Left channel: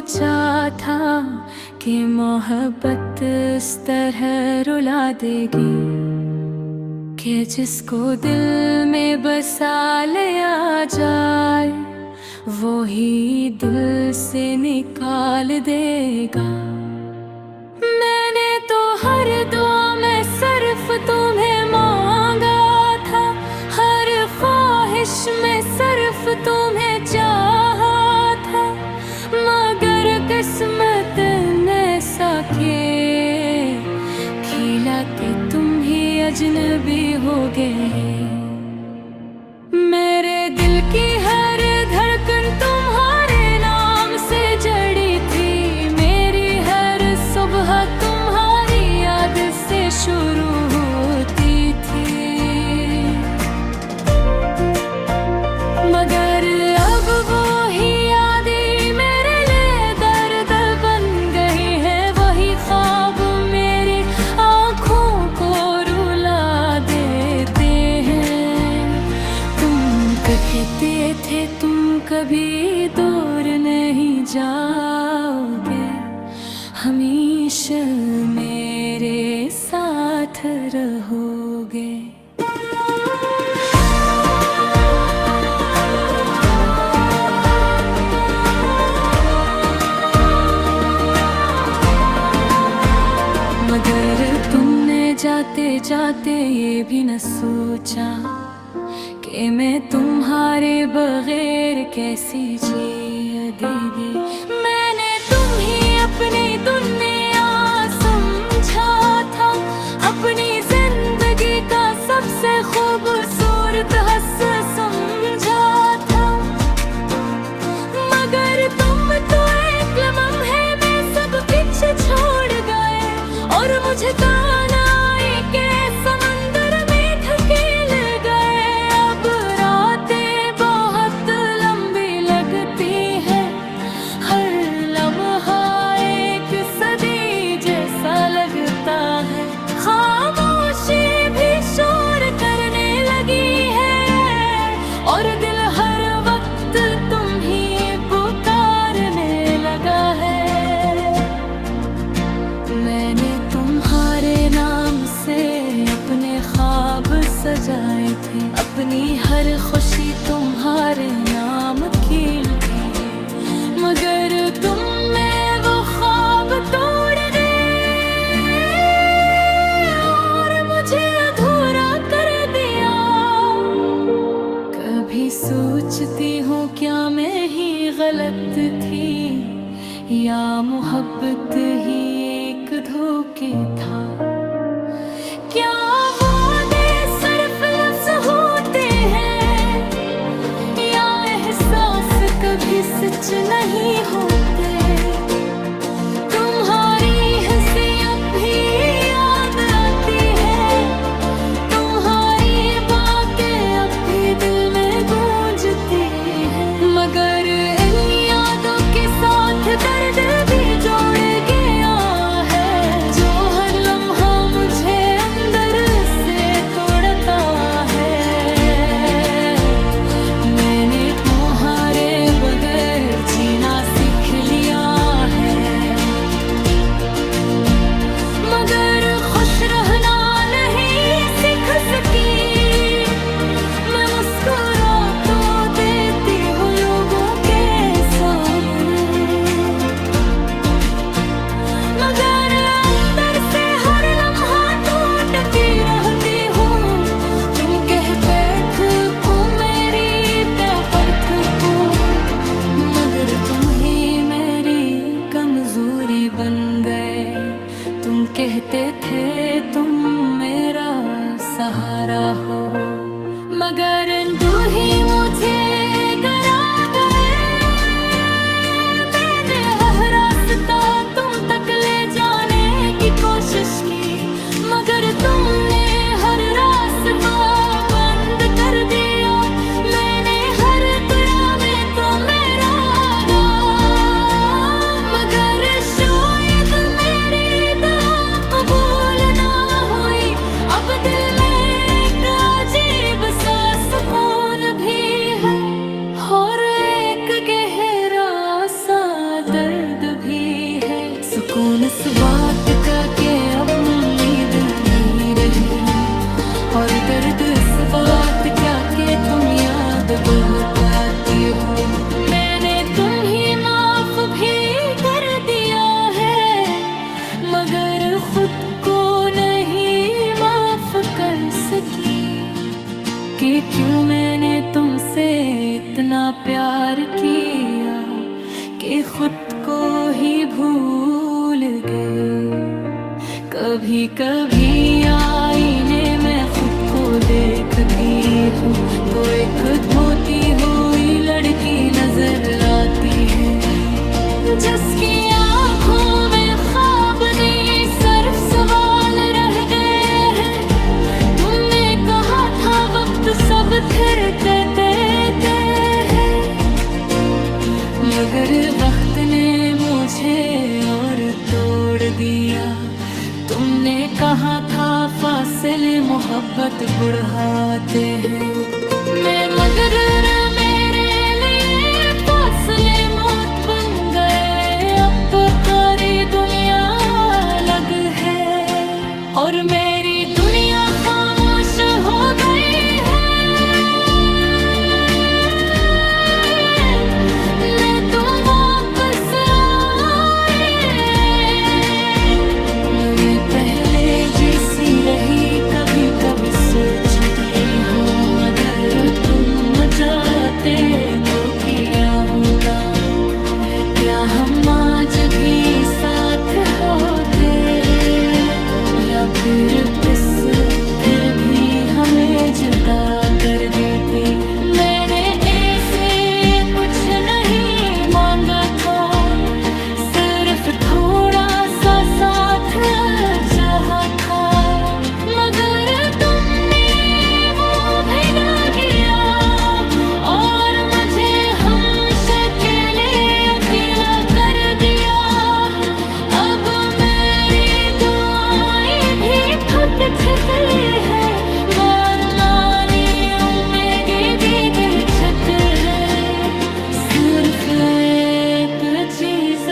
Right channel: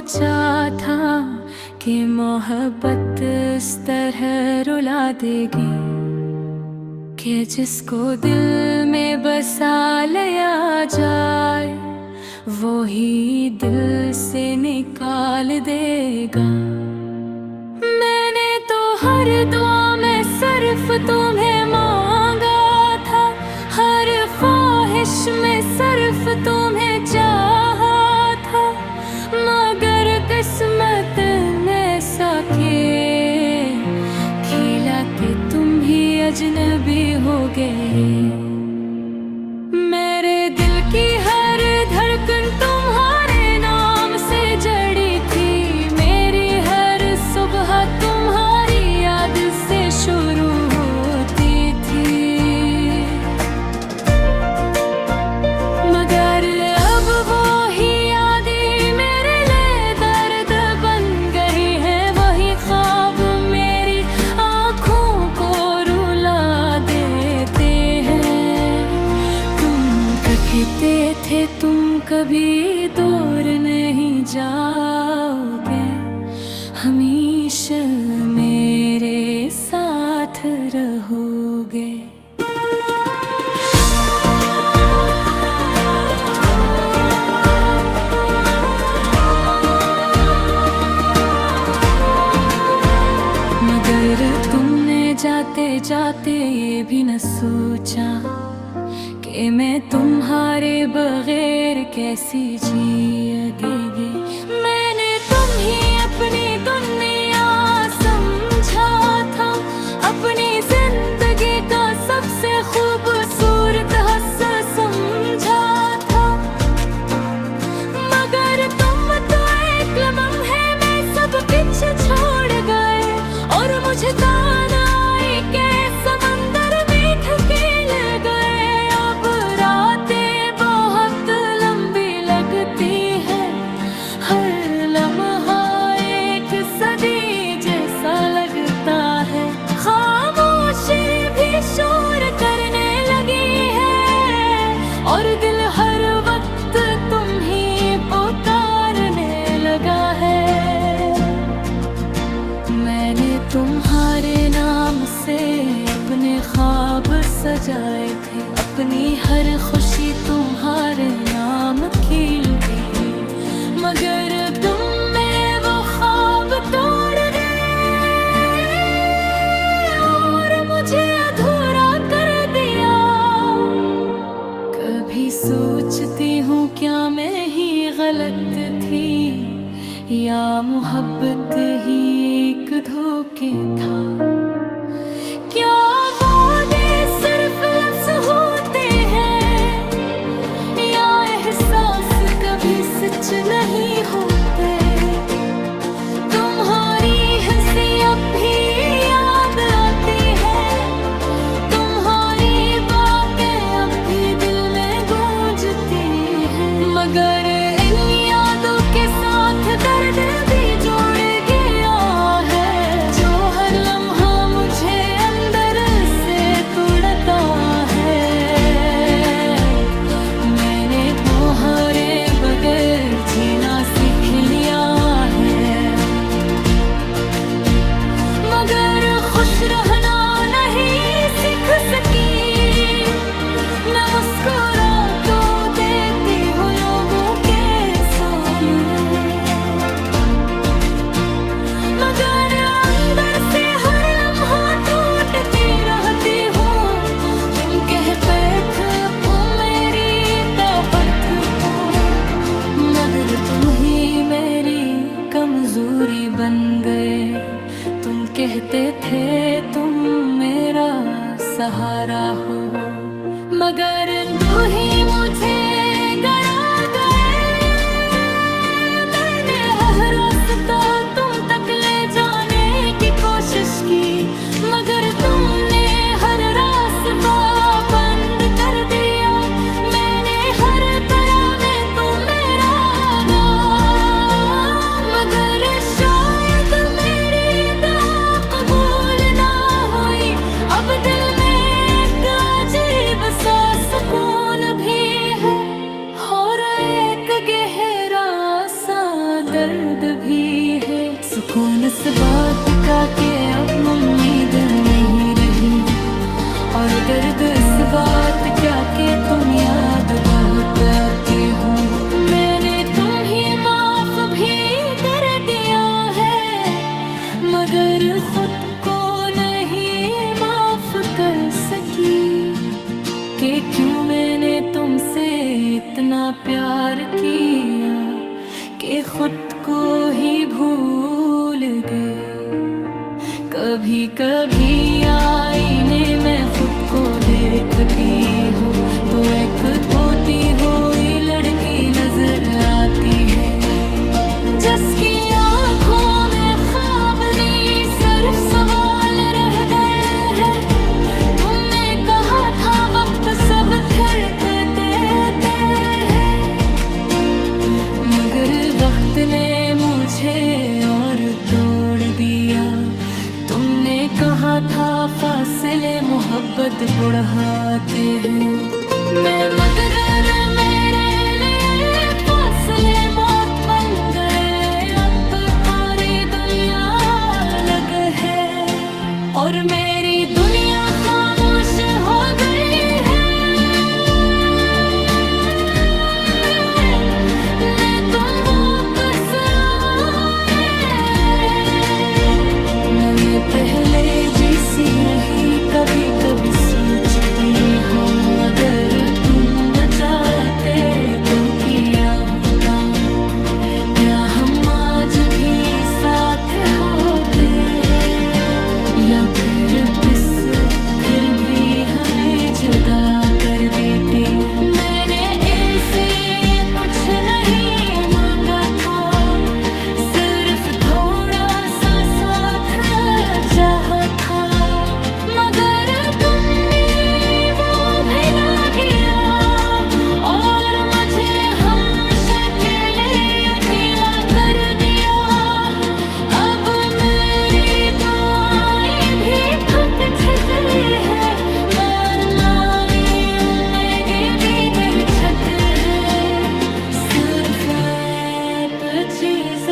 सोचा था कि मोहब्बत इस तरह रुला देगी कि जिसको दिल में बसा लिया जाए वो ही दिल से निकाल देगा। मैंने तो हर दुआ में सिर्फ तुम्हें मांगा था, हर ख्वाहिश में सिर्फ तुम्हें चाहा था, मगर किस्मत ने ऐसा खेला कि तुम ही अजनबी हो गए। मेरे दिल की हर धड़कन तुम्हारे नाम से जड़ी थी, मेरी हर सुबह तुम्हारी याद से शुरू होती थी, मगर अब वो ही यादें मेरे लिए दर्द बन गई हैं। वही ख्वाब मेरी आँखों को रुला देते हैं। तुम कहते थे तुम कभी दूर नहीं जाओगे, हमेशा मेरे साथ रहोगे। मगर तुमने जाते जाते ये भी न सोचा कि मैं तुम्हारे बगैर कैसी जिएगी। मैंने तुम ही अपनी दुनिया समझा था, अपनी जिंदगी का सबसे खूबसूरत हस्सा समझा था, मगर तुम तो एक लम्हे में सब कुछ छोड़ गए और मुझे ताना आई के समंदर में ढकेल गए। अब रातें बहुत लंबी लगती है, हर लम्हा एक सदी जैसा लगता है, खामोशी भी शोर करने लगी है और दिल हर वक्त तुम ही पुकारने लगा है। मैंने तुम्हारे नाम से अपने ख्वाब सजाए थे, अपनी हर खुशी तुम्हारे नाम खिल थी, मगर तुमने वो ख्वाब तोड़ दिए और मुझे अधूरा कर दिया। कभी सोचती हूँ क्या मैं ही गलत थी या मोहब्बत ही एक धोखे था। क्या वादे सिर्फ लफ्ज़ होते हैं या एहसास कभी सच नहीं होते। तुम्हारी हंसी अब भी याद आती है, तुम्हारी बातें अब भी दिल में गूंजती हैं, मगर इन यादों के साथ दर्द भी जोड़ गया है, जो हर लम्हा मुझे अंदर से तोड़ता है। मैंने तुम्हारे बगैर जीना सीख लिया है, मगर खुश रहना नहीं सीख सकी। मैं मुस्कुरा तो देती हूँ लोगों के सामने, मगर अंदर से हर लम्हा टूटती रहती हूँ। तुम कहते थे तुम मेरी ताकत हो, मगर तुम ही मेरी कमजोरी बन गए। तुम कहते थे तुम मेरा सहारा हो, मगर तू ही मुझे गिरा गए। मैंने हर रास्ता तुम तक ले जाने की कोशिश की, मगर तुमने हर रास्ता बंद कर दिया। मैंने हर तरह में तो मेरा गा, मगर शायद मेरी दुआ कबूल ना हुई। अब दिल में एक अजीब सा सुकून भी है और एक गहरा सा दर्द सुकून इस बात का कि अब उम्मीद नहीं रही, और दर्द इस बात का कि तुम याद बहुत आती हो। मैंने तुम्हें माफ भी कर दिया है, मगर खुद को नहीं माफ कर सकी कि क्यों मैंने तुमसे इतना प्यार किया कि खुद को ही भूल गए। कभी कभी आईने में खुद को देखती हूँ तो एक होती हुई लड़की नजर आती है, जिसकी आँखों में ख्वाब नहीं सिर्फ सवाल रह गए हैं। तुमने कहा था वक्त सब फिरते देते हैं, मगर वक्त ने मुझे और तोड़ दिया। तुमने कहा था फासले मोहब्बत बढ़ाते हैं, मैं मगर मेरे लिए फासले मौत बन गए। अब सारी दुनिया अलग है और मेरी दुनिया खामोश हो गई है। मैं तुम वापस न मैं पहले जैसी रही, कभी कभी सोचती हूँ अगर तुम जाते तो किया होता, क्या हम आज भी साथ होते हैं, या फिर भी हमें जुदा कर देती। मैंने ऐसे कुछ नहीं मांगा था, सिर्फ थोड़ा सा साथ चाहा था, मगर तुमने वो भी ना किया और मुझे हमेशा के लिए अकेला कर दिया। अब मेरी दुआएं भी टूट चुकी है, बार मानी उम्मीदें भी गई छत है, सिर्फ एक चीज़